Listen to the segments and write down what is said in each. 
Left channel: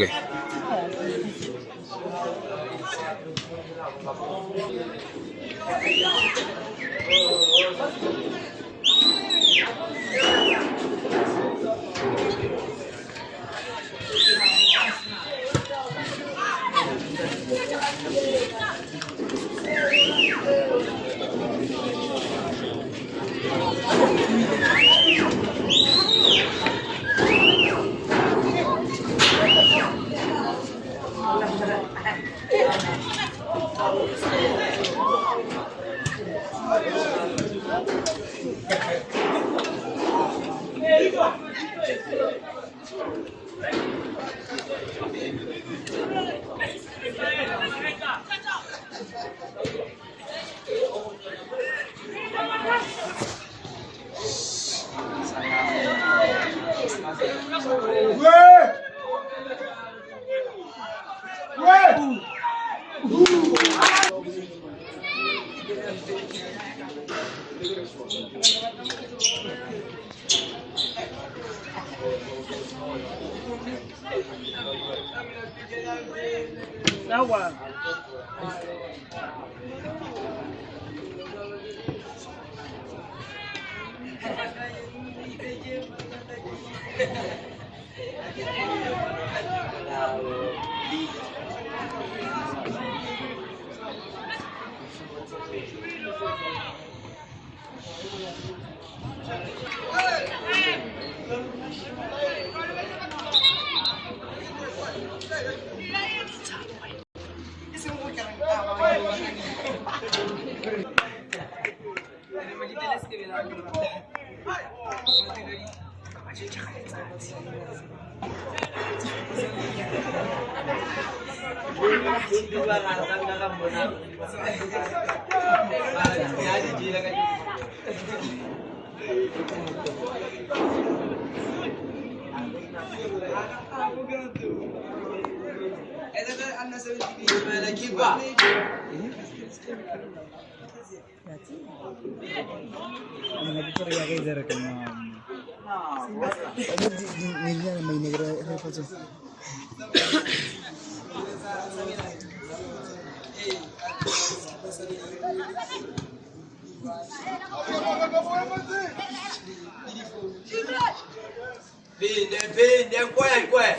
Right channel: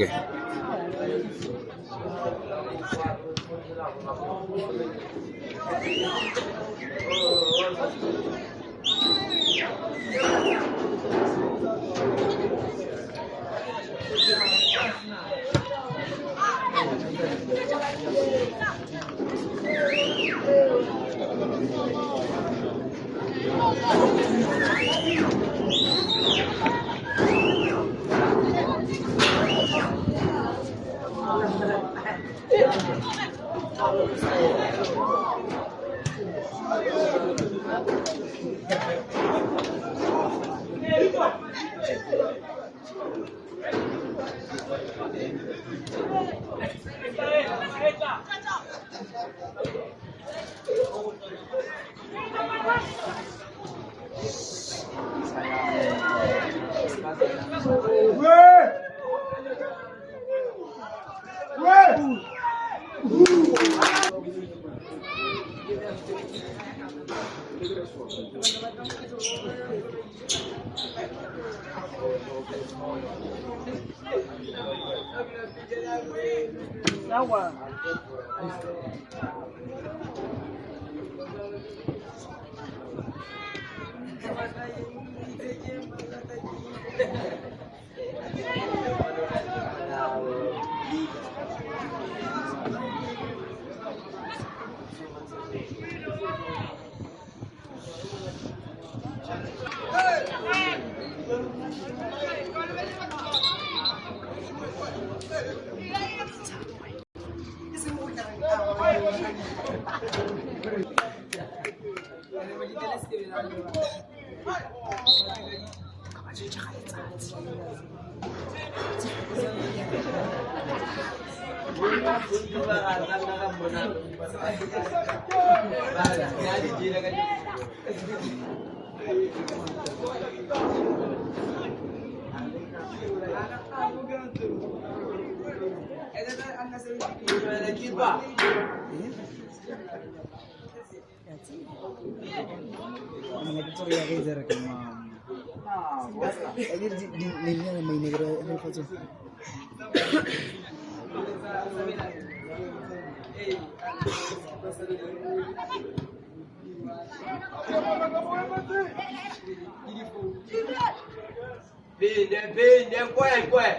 Okay. Vende, quoi.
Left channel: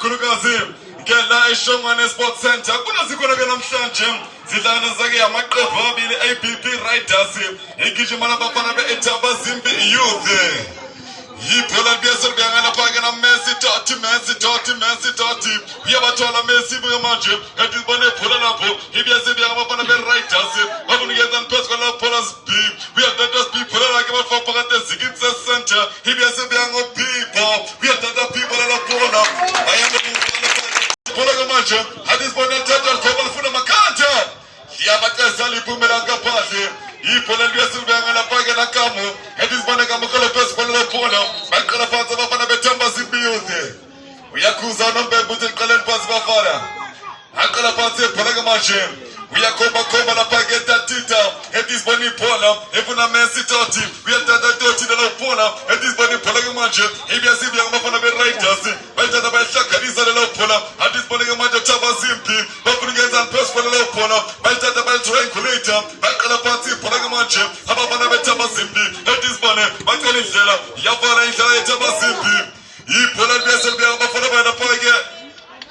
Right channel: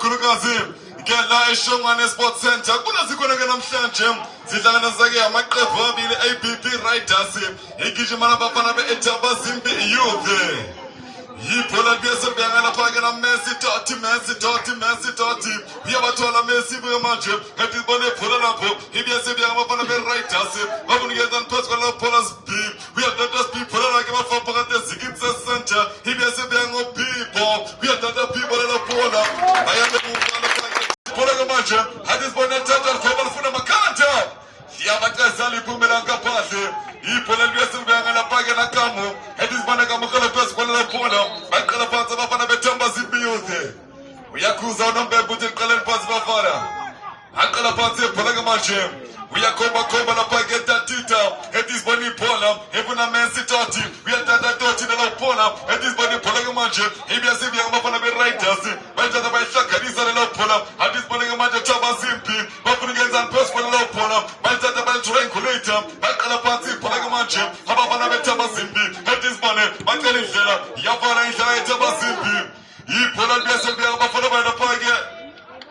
Kurugazim, Gela Eshomane Sports Center, Kunazikuraga Namshanjem, Zidana Zagi, Amaka Bili APP Writers, Ikijimana Bapana Etaba Zimbi Youth. Yipola biasa biangana pagana Messi Totti. Biaba tola Messi biamanje. Hadi bone pola lapo. Biasa biangana pagana be writers. Abuni gezan peskola polas bi. We have done just people like about for pagate Zigitsa Center. Biasa biangana people. We have done the people la pola. I am the pola gamanje. Hadi bone total kebal funa makanta. Biaba kazali bumelanga pase. Yipola biasa biangana pagana kamu. Hadi bone kamu peskola pola. Bakala fanza bafana betamba zibiyuze. Uyakuza nombe butil kalen pas bafara. Bakala fanza palaga marche. Uyakomba na pageta tita. Edis bani pola. Evuna mensi toti. Uyatata toti de la pola. Edis bani palaga marche. Ebia sibi anga bafana be writers. Bajata ba shaka disa de la pola. Edis bani marche chaba zimpi. Bafuni genzan pes de la pola. Bajata ba triangulator. Bakala fanza palaga marche. Habafana be chaba zimpi. Edis bani bakali zela. Yafara injaya chaba zimpi. Yipola biasa bianga bafana be na page.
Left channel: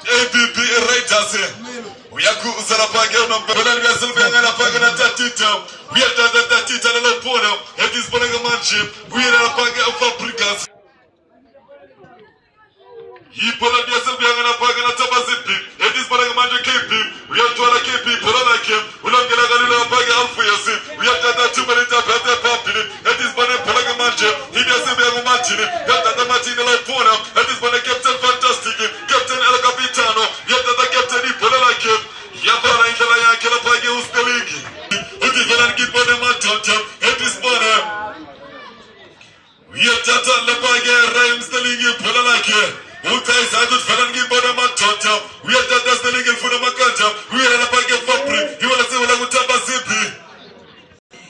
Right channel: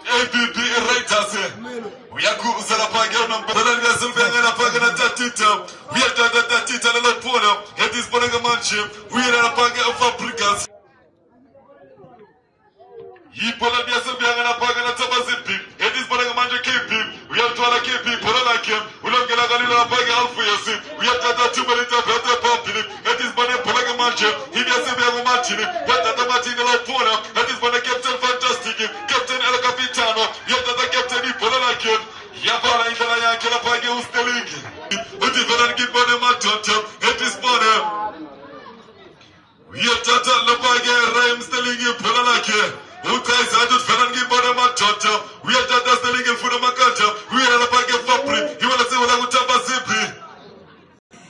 APP writers. Uyaku usara page unombe. Pola biasa bianga na page na tatita. Uyatata tatita de la pola. Edis bani marche. Uyera na page of Africans. Yipola biasa bianga na page na chaba zimpi. Edis bani marche KP. Uyatwala KP pola like him. Ulangela galila page alfu yasi. Uyatata tumelita pete popili. Edis bani pola marche. Ibiasa bianga marchini. Yatata marchini la pola. Edis bani Captain Fantastic. Captain El Capitano. Yatata Captain pola like him. Yafala injala yake la page ustolingi. Udifana kibone matata. Edis bani. Yatata la page rhymes stolingi pola like him. Utai sadut falangi bora matata. We are just the legal for the makanta. We are a page fapri. You wanna say what utaba zipi?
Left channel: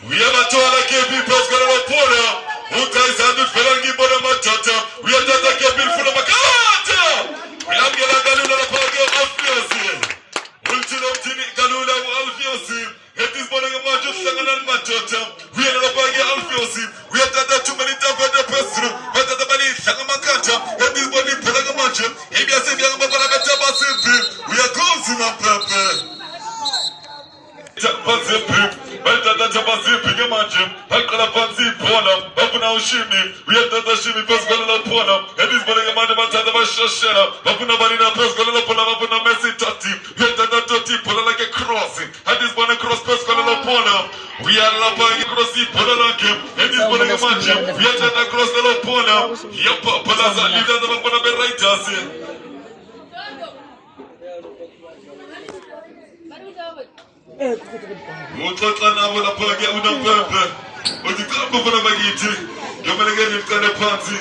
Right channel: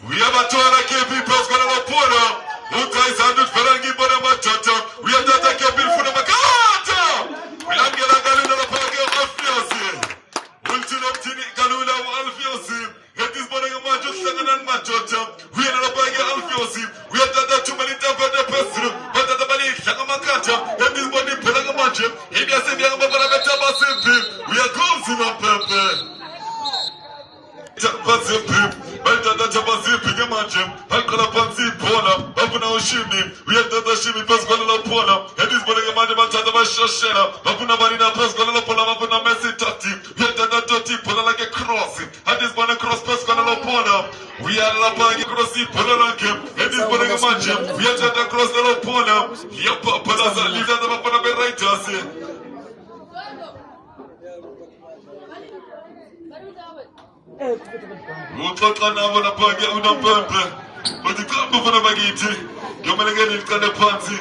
We have a tola KP plus kola pola. Utai sadut falangi bora matata. We are just a KP for the makanta. We have a galula page alfiosi. Ultimo tini galula alfiosi. It is bora majo sanganan matata. We are a page alfiosi. We have done too many times for the person. But the money sangamakanta. And this body pola majo. If you say you are going to be simple, we are going to purpose. Chapazimpi, Belta Chapazimpi, Gamanjim, Hakala Panzi, Pona, Abuna Ushimi, we have done the Shimi, Pescola Pona, and this body Amanda Shashera, Abuna Marina, Pescola Pona, Abuna Messi Tati, we have done that Tati Pona like a cross, and this body cross Pescola Pona, we are Lapang Crossi Pona like him, and this body Gamanjim, we have done that cross the Pona, Yapa Palaza, Lida the Mapona Beraitas. Utotana wana page unapembe. Utikambo fana bagiti. Yomelege ni mkande panzi.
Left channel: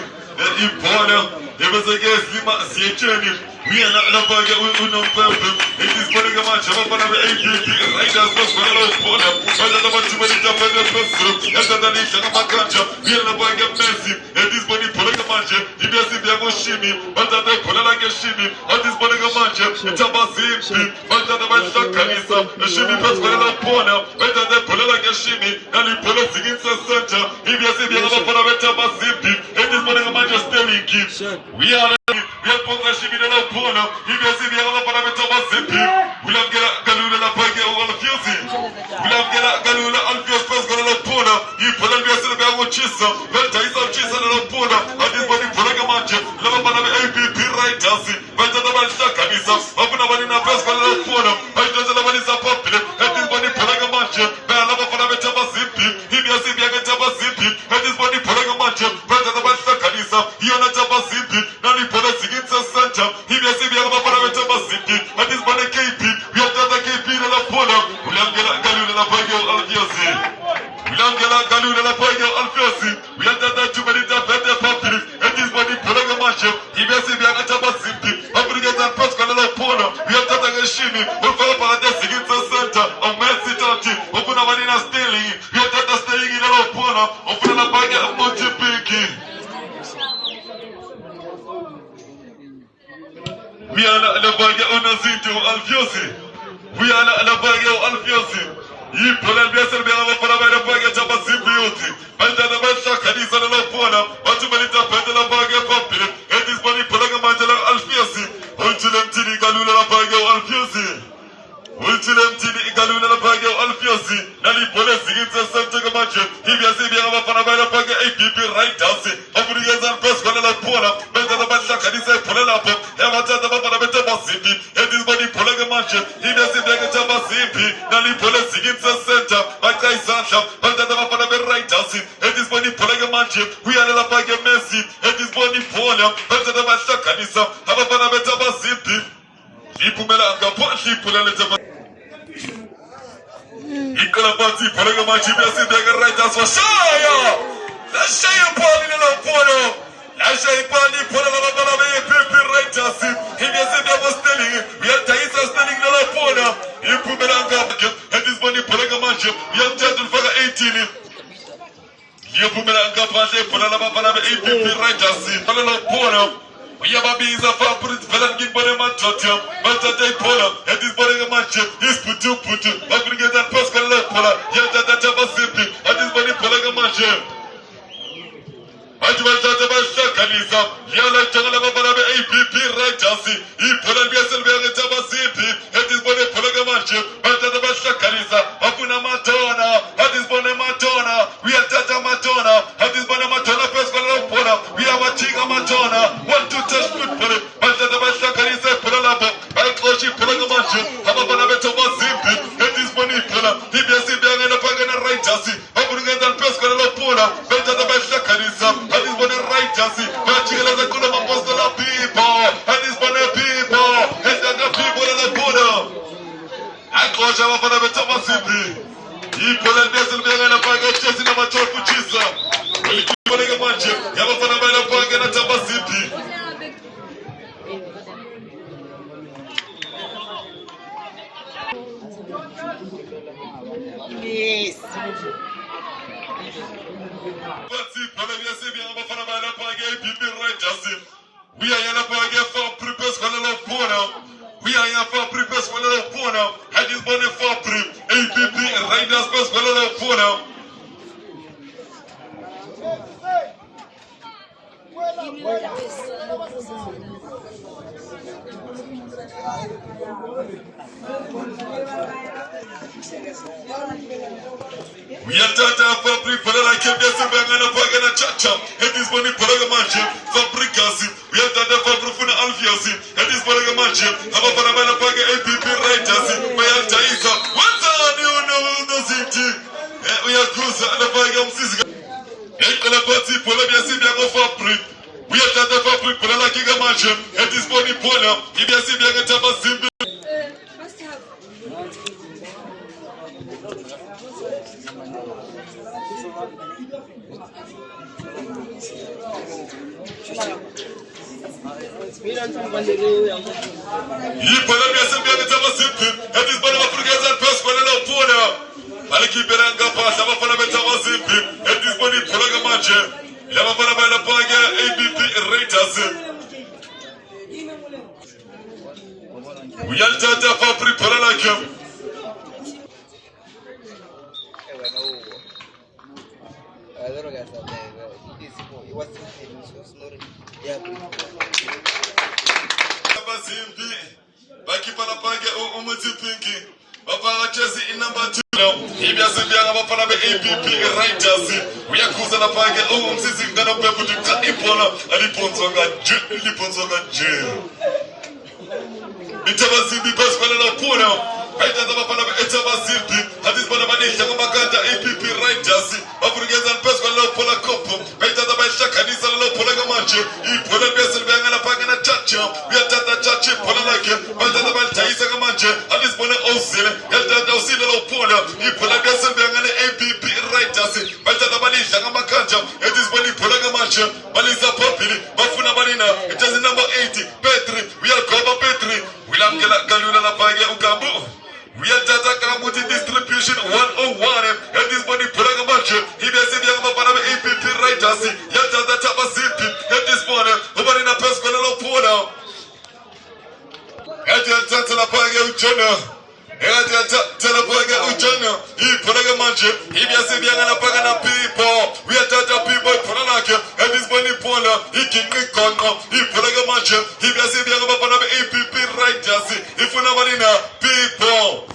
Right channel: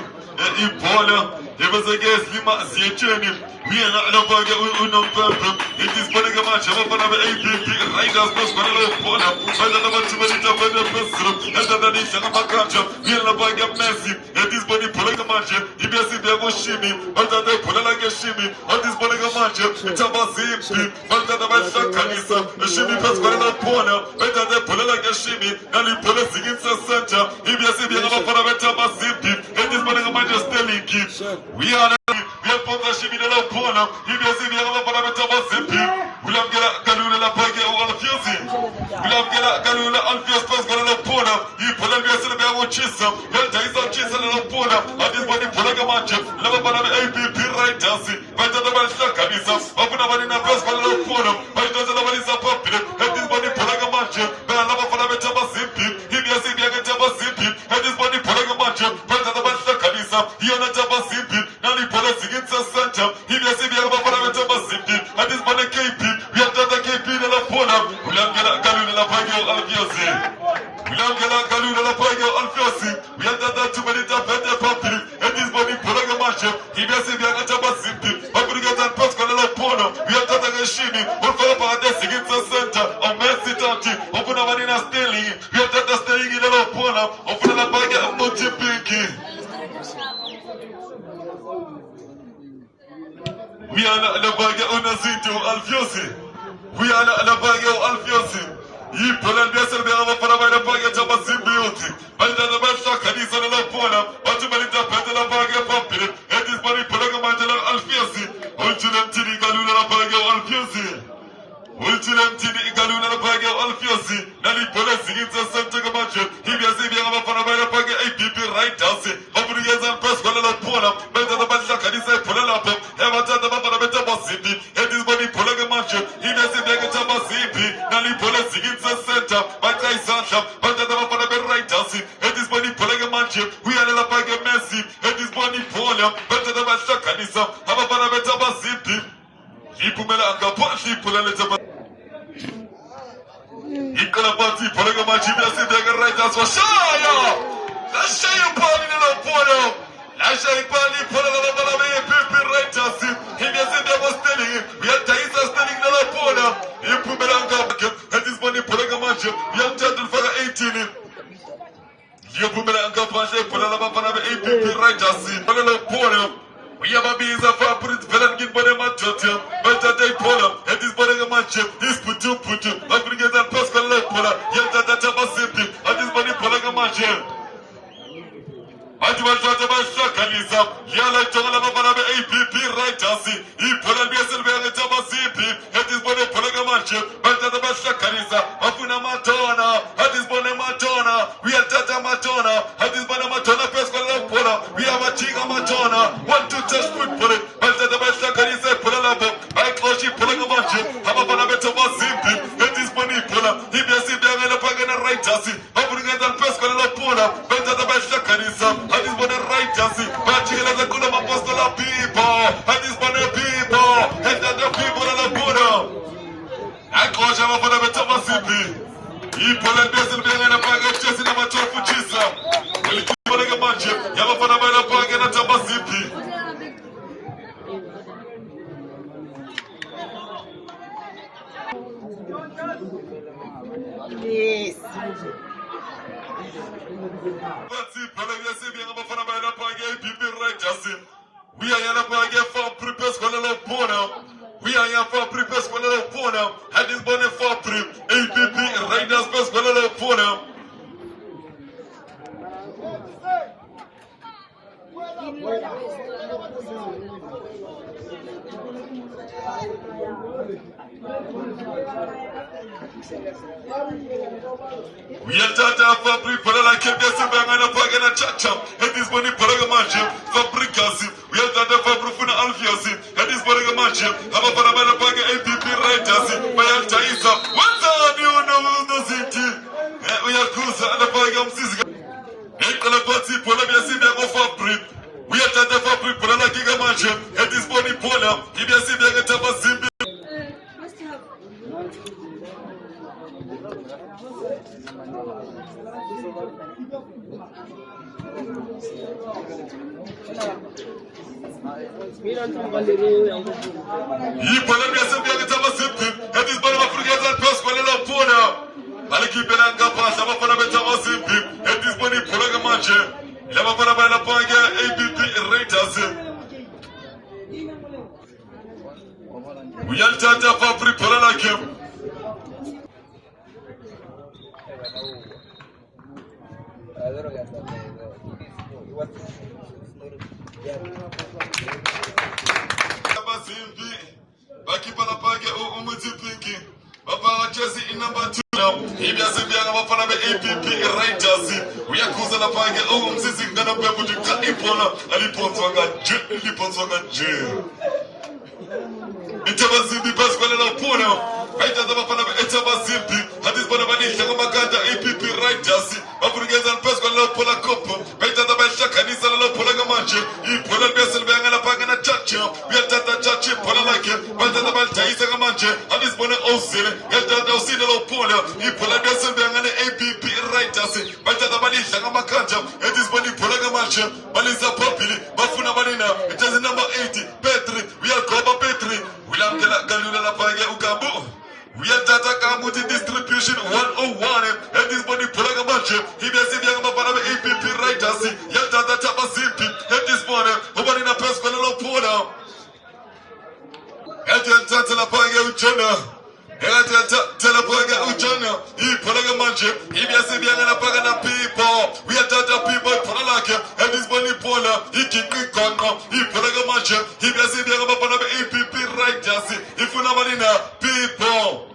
Ipola. Yebezege zima ziyecheni. Wiyana unapage unampembe. Itis polega macha. Wafana be APP. Riders bus kwa nalo ipola. Wada tama chumelita pende pesu. Yata dani shaka makanja. Wiyana page Messi. Itis boni polega macha. Ibiasi biago shimi. Wada tama pola lage shimi. Itis polega macha. Itaba zimpi. Wada tama shaka kanisa shimi paskwala la pona beta de polela kashimi nali pole siginsa center ibiase bianga bafana beta basimpi etis bana majesty ki we are ponga shimi la pona ibiase bianga bafana beta basimpi ulamgela galula la page o alfiosi ulamgela galula alfios paskwala la pona I pola biase le bianga chisa beta isa chisa la pona adis bani polega manche la bafana be APP right house beta de balsa kanisa abuna bani na paskwala la pona beta de la bani sa popile etis bani polega manche bela bafana beta basimpi ibiase bianga taba simpi etis bani polega manche beta de balsa kanisa yana taba simpi nani pola sigitsa center ibiase bianga bafana beta basimpi etis bani KP we have done the KP la pona ulamgela galula la page alfiasi ulamgela galula la page alfiasi we have done that too many times beta popile etis bani polega manche ibiase bianga taba simpi abuna geta paskwala la pona we have done the shimi ufala para the sigitsa center amesi tati opuna bani na sterling we have done the sterling la pona opuna la page multipinki we are la page onazinto alfiosi we are la page alfiosi I pola biase bianga bafana bana page taba simpi uti banda da basha kanisa la pona watu balita pete la page popile etis bani polega manjela alfiosi ultilem tini galula la page alfiosi ultilem tini galula la page alfiosi nali pola sigitsa santo kamache ibiase bianga bafana bana page APP right house aburigezan paskwala la pona banda da basha kanisa pola la pop evata da bafana beta basimpi etis bani polega manche ibiase bianga taba simpi nali pola sigitsa center bata isasha banda da bafana be right house etis bani polega manche we are la page Messi etis bani pola banda da basha kanisa abafana beta basimpi ipumela ngapo ipula le taba ikola bati polega manche ibiase bianga right house shaya la shaya pali la pona la shaya pali pola la bafana be APP right house ibiase bianga sterling we are taisa sterling la pona ipumela ngapo etis bani polega manche we have title for 18 yopumela ngapo pola la bafana be APP right house pola la pona we have a visa for put velan gimbore matata matata pola etis polega manche is putu aggregate paskwala pola yata taba simpi etis bani polega manche Ajwa tata basha kanisa yala changala bafana be APP right house I pola biase bianga taba simpi etis bani polega manche tata basha kanisa afuna matona etis bani matona we are tata matona etis bani matona paskwala pola we have a chinga matona want to touch football tata basha kanisa pola la bo baikoshi polega manche abafana be taba simpi etis bani pola ibiase bianga la pagana right house aburigetan paskwala pola tata basha kanisa etis bani right house bachila za kuna mapostola people etis bani people the people la pola akosha abafana be taba simpi I pola biase bianga la pagana chesi na machofu chisa polega manche abafana be la pagana taba simpi Yes. We are here for prepares for the Pona. We are here for prepares for the Pona. And this money for APP Raiders Best for the Pona. We are tata fabri para la kebesi bangana pagana chacha. And this money paraga manche fabricasi. We are tata fabri funa alfiasi. And this paraga manche. Aba para bana paga APP writers. Bayal taisa. What's on you know the city? We are close and the paga msizga. Ekola pati pola biasi biango fabri. We are tata fabri para la kiga manche. And this money pola. Ibiasi bianga taba simbi. He pola biasi bianga taba simbi. And this money Africans and press para la pola. Aliki beranga pasa bafana betaba simbi. And this money pola gamanche. Lama para bana paga APP Raiders. We are tata fabri pola la kem. Bakipa la page umuti pinki. Baba Jesse in number 2 now. Hivi asibianga bafana be APP Writers. Uyakuza la page umzizi ngana kwa kujika ipona. Aliponzoga je. Itabazibi Pascal la pona. Haita za bafana be itabazibi. Hadis bana bani shanga makanta APP Writers. Bafurugeza Pascal la pola kopo. Haita za basha kanisa la pola gamanje. Ipola besa banga la page na chacha. Yatata chacha pola lake. Haita za balta isa gamanje. Hadis bana osile. Yatata osile la pona. Ipola besa banga na APP Writers. Haita za bani shanga makanta. Hadis bani pola gamanje. Baliza popili. Bafuna balina. It is number 80. Petri. We are cover Petri. William Galula la page ukambu. We are Tata Kamuti distribution 101 and this money Pulagamanche. He has said young Mapana APP Writers. Yata Tapa Zipi and this morning. Over in a Pescola Pona. And Tata Lapaga Uchana. And Tata Lapaga Uchana. He Pulagamanche. He has said young Pagana people. We are Tata people Pulaka and this money Pona. He can make Congo. He Pulagamanche. He has said young Mapana APP Writers. If you know people.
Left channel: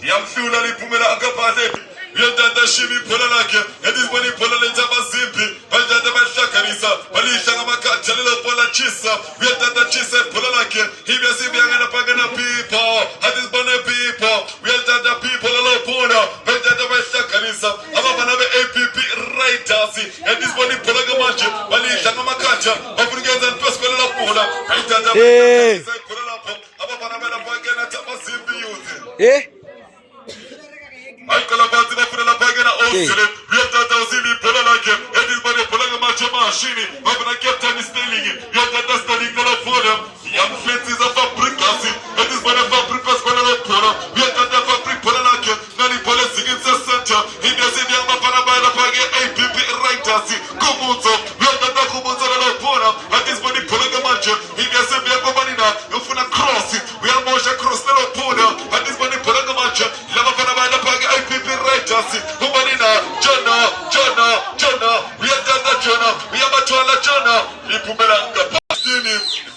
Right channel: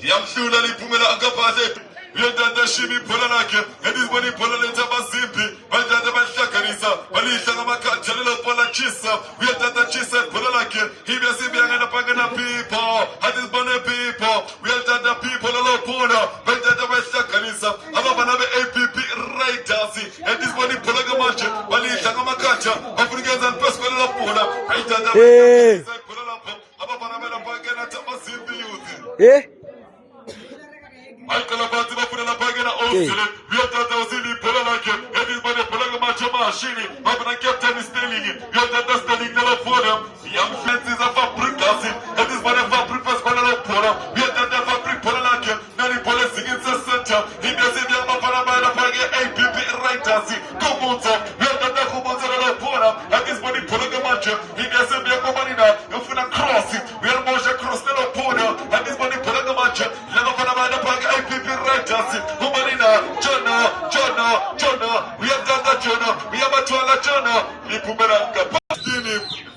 Yam Shula Pumela Agapate, Yanda Shimi Polanake, and this money Polaneta Bazipi, Bajada Shakarisa, Balisha Maka, Chalila Pola Chisa, we are Tata Chisa Polanake, he was Sibian and Pagana people, and this money people, we are Tata people Alopona, Bajada Shakarisa, Abana APP Writers, and this money Polagamachi, Balisha Makacha, Africans and Pascal Pola, and Tata Pola, Abana Pagana Tabazipi using. Michael Abati Bafuna la Pagana Osile, we are Tata Osili Polanake, and this body Polagamacho Machine, Babana Captain is telling you, you are Tata Stelling Telephone, young fences of Fabricasi, and this body Fabricas Pola, we are Tata Fabric Polanake, Nani Police against the center, he does it young Mapana by the Paga APP Writers, Kumuzo, we are Tata Kumuzo la Pola, and this body Polagamacho, he does it young Mamanina, Ufuna Cross, we are Mosha Cross the Pona, and this body Polagamacho, Lavapana by the Paga APP Writers, Humanina, Jonah, we are Tata Jonah, we are Matuala Jonah, Lipumelanga.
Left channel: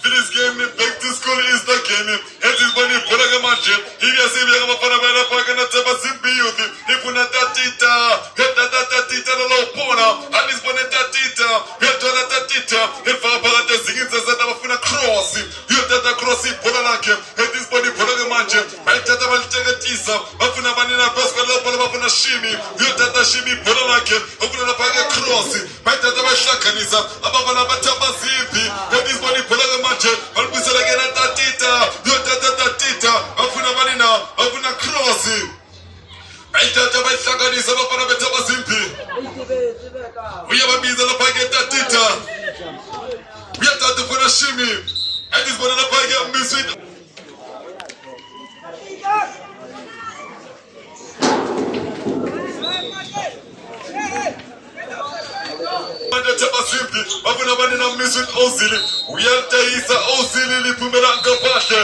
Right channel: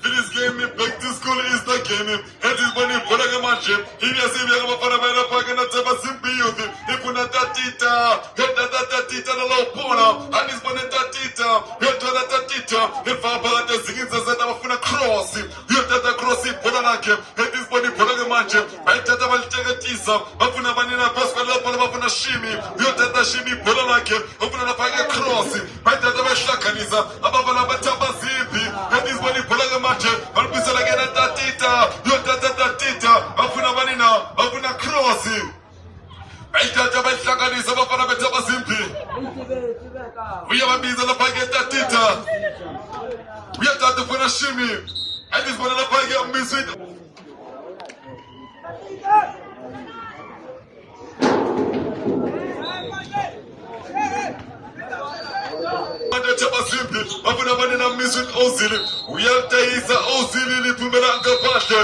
This game, back to school is the game. It is money for a match. He has a young Panamana Pagana Tabazimbi youth. If you not that tita, get that tita, the Lopona, and his bonnet tita, get that tita. If I bought the singing says that I'm a cross, you have that crossing Polanake, and this body for a match. I tell them I'll take a tisa, Bafuna Manina Pascal Lopana Shimi, you have that Shimi Polanake, open a Paga crossing. I tell them a Shakanisa, above an Abatabazimbi, and this body Polagamatch. Alpisa again at that tita, Tita, Afuna Marina, Afuna Crossing. I tell you about Shakaris of a Betaba Simpi. We have a Biza Pageta Tita. We have that for a shimmy. I just want to Paga miss it. Simply, often a man in a mission Osili. We are Taisa Osili, Pumera Gapasha.